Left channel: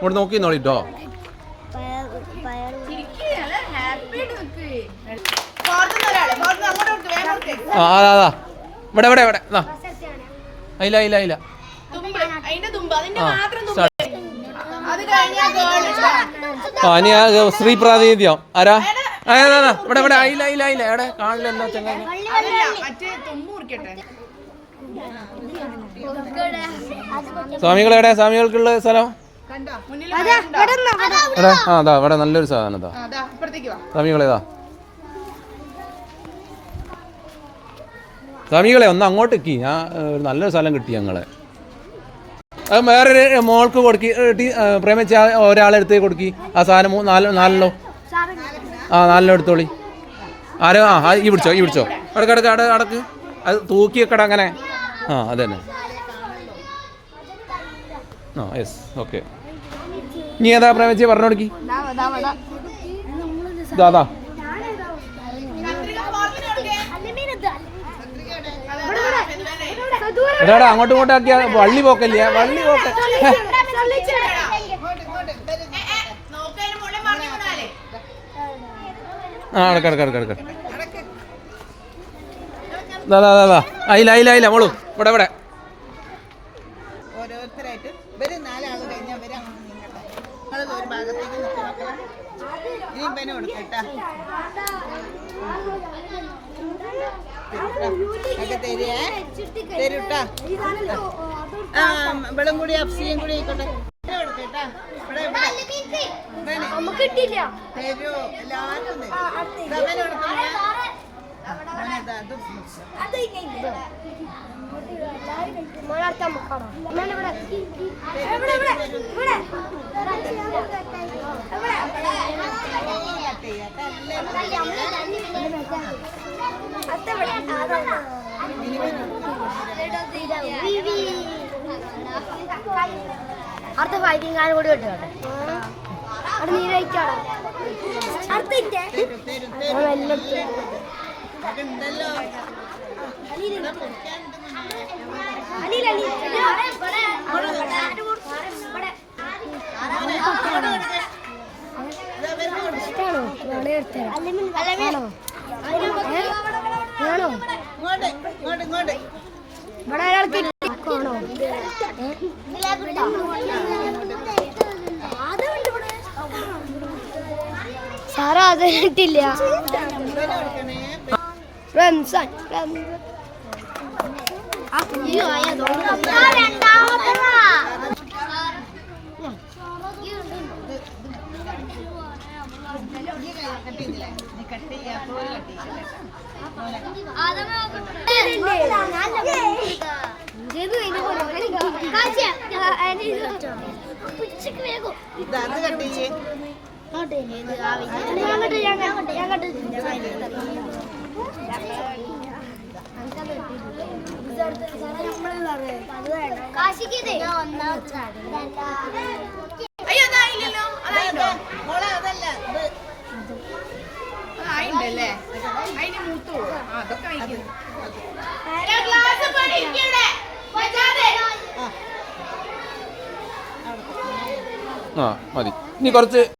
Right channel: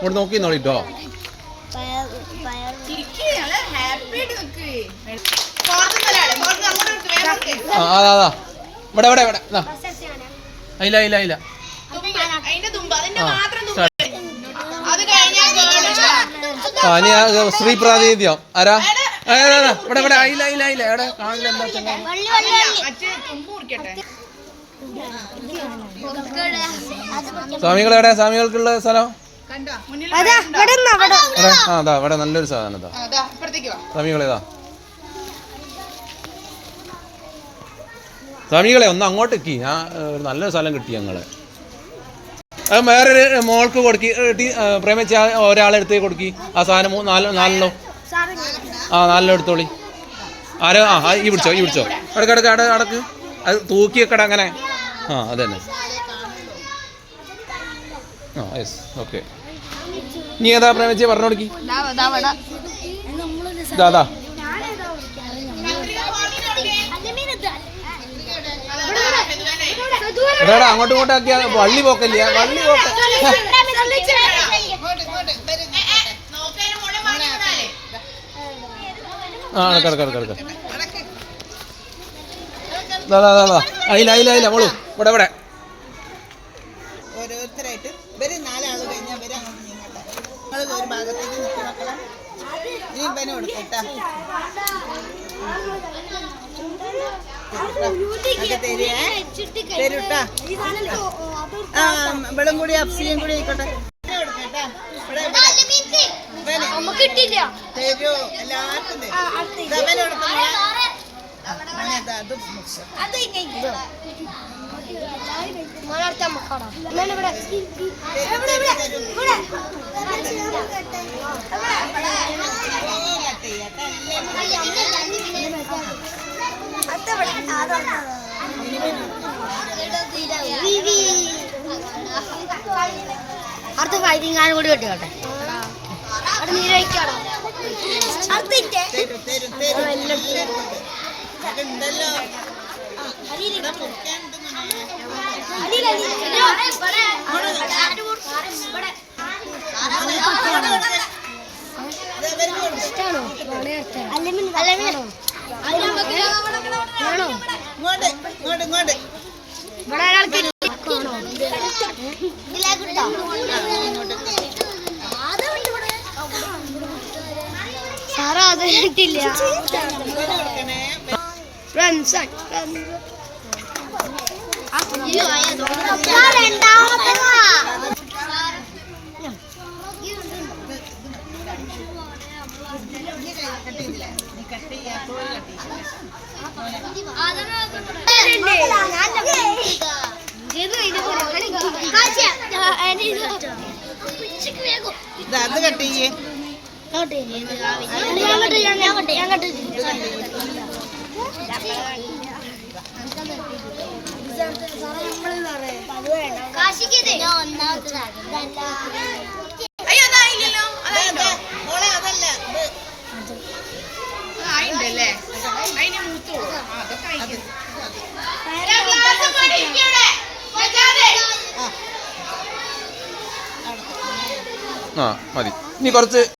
ഇവിടെ നോക്കി നോളിട്ടോ. ഇവിടെ ഇവിടെ ഇവിടെ അയില്ല അയില്ല അയില്ല. സ്ത്രീ പ്രാതിനിധ്യം ആരാ? ഇവിടെ ഇവിടെ അയില്ല അയില്ല അയില്ല. എവിടെ കാണില്ല എന്താ ചങ്ങായി? സ്വാമികൾ എവിടെ? സ്വാമികൾക്കുള്ള സ്ഥലം അതാ ഇവിടെ നല്ലൊരു സാധനം. സ്വാമികളേതാ? സ്വാമികളെ ഒന്ന് അങ്ങോട്ട് എത്തി. നല്ലൊരു സ്ഥലം കിട്ടി ഞങ്ങള്. അത് വേറൊരു മോൾക്ക് കൊടുക്കി പ്രേമിച്ച ഒരാളെടുത്തേക്ക് കൊടുക്കി ആ സാധനം. നാലെണ്ണോ? നാലെണ്ണം എടുത്തോളി. ആരോ ഈ പിടിച്ചോ ഈ പിടിച്ചോ. അടക്ക് അടക്ക്. അത് തൂക്കി വെക്കട അങ്ങനെ. അതന്നെ. Yes okay. നീ ഏതാ പ്രേമിച്ച പറഞ്ഞു കൊടുക്കി. ഇതാ എടാ അങ്ങോട്ടും ഇങ്ങോട്ടും ആക്കിയ വള്ളി പോക്കല്ലേ? വള്ളി പോക്ക. അടക്കടക്കടക്കടക്ക. അയില അയില അയില മോളു. ഇവിടെ ഇവിടെ ഓരോരുത്തരായിട്ട് ഇവര് നാലാള് കഴിഞ്ഞാൽ ഇവര് ഒരു ഭാഗത്തേക്ക് ഇനി ഇവന് കൊടുക്കട്ടാ. ഇവിടം കൂടി അപ്സിയും കൂടി ആയിക്കോട്ടെ. തരൂ എല്ലാവർക്കും അടുത്ത വൈകിങ്ങാനും കൂടി വെട്ടിയോട്ടെ. സാറാ അത് കിട്ടില്ല. മതി. ഇനി കുറച്ച്